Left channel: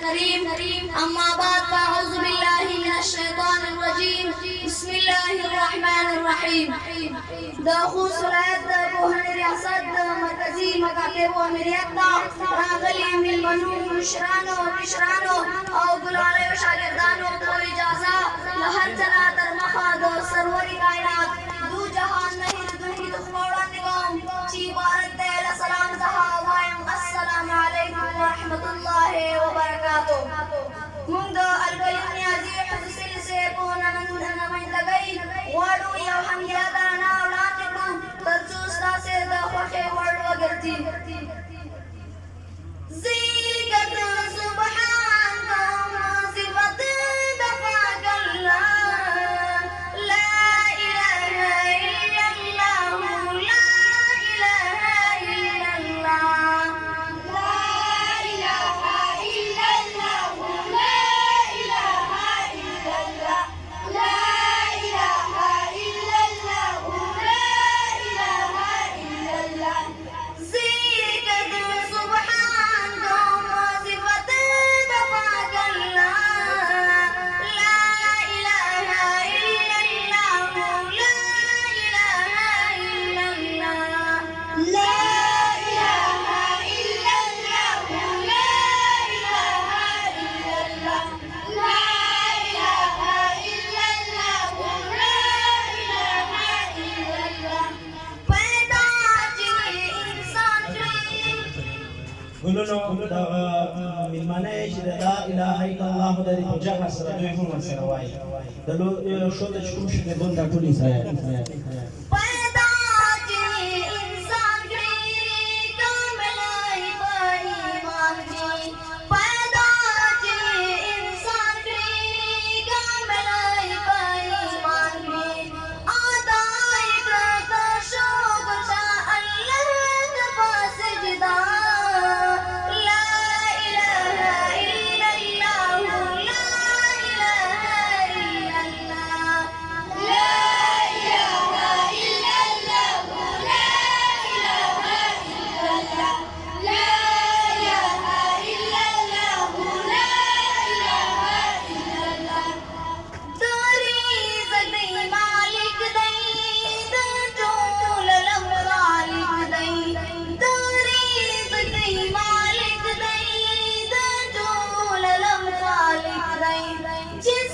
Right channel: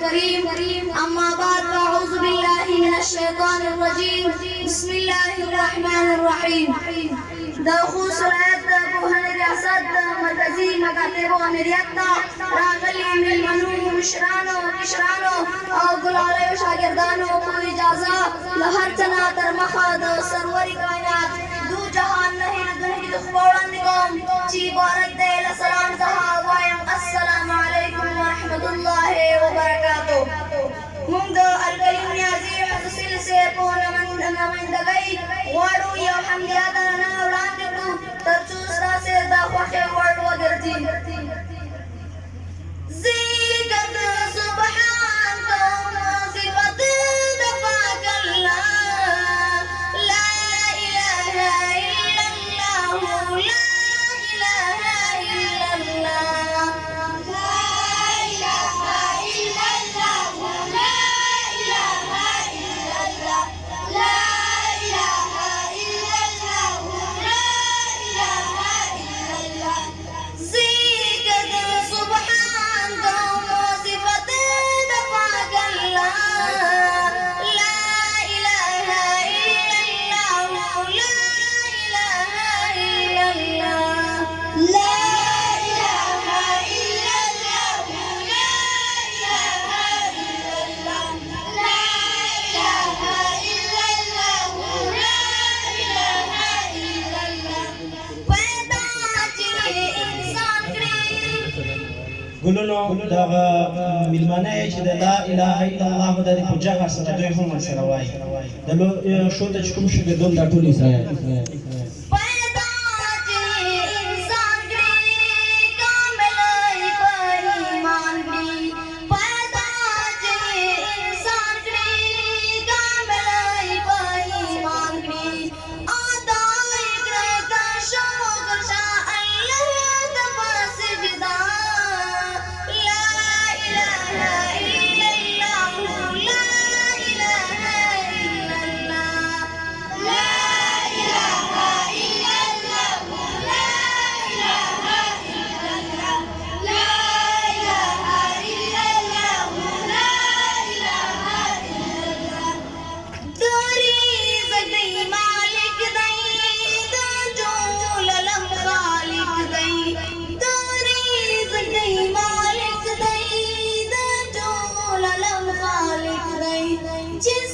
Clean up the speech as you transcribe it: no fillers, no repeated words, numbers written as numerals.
करीम अम्मा बाद अऊज़ु बिल्लाहि मिनश शैतानिर रजीम बिस्मिल्लाहिर रहमानिर रहीम द खुसरत बोहन रियासत मरकजी मकातिब व अमीरियत रागली मिल मनु मुशरानो किशरानो और गुलाले व शागिर्दानो को इजाजत लहर तना तरमखद सरवरी कायनात दू जहान नहीं दुनिया दुखोड़न दिगोम ची भारत दे सलाम तहा वायम अस्सलाम अलैकुम व रहमतुल्लाहि व बरकातुह मुंग अलकलीम न्याजी हुसिल से पोन नमंदगई वाडू या हमदियादा ना उड़ांदिगु तरचूस्ता से द वखे वर्ड वगरती ज़ीगत सुबहान तो सिफत दफाक अल्लाह ला इलाहा इल्लल्लाह ला इलाहा इल्लल्लाह ला इलाहा इल्लल्लाह ला इलाहा इल्लल्लाह ला इलाहा इल्लल्लाह ला इलाहा इल्लल्लाह ज़ीगत सुबहान तो सिफत दफाक अल्लाह ला इलाहा इल्लल्लाह ला इलाहा इल्लल्लाह ला इलाहा इल्लल्लाह ला इलाहा इल्लल्लाह ला इलाहा इल्लल्लाह ला इलाहा इल्लल्लाह पैदा जिए इंसान ګلونو دغه میلمانه یې چې د لا اله الا الله د دې په جهر سره دوی هم ورسره وایي د شو ته چې کوم شاګردان دا ټول اسرائیل पैदा जिए इंसान कामिल ईमान की पैदा जिए इंसान कामिल ईमान की आदाई करता शुक्र शाह अल्लाह का सजदा ला इलाहा इल्लल्लाह ला इलाहा इल्लल्लाह ला इलाहा इल्लल्लाह ला इलाहा इल्लल्लाह ला इलाहा इल्लल्लाह ला इलाहा इल्लल्लाह तेरी ज़दी मालिक दई जो ललम खालिक दई तेरी ज़दी मालिक दई जो ललम खालिक दई जिस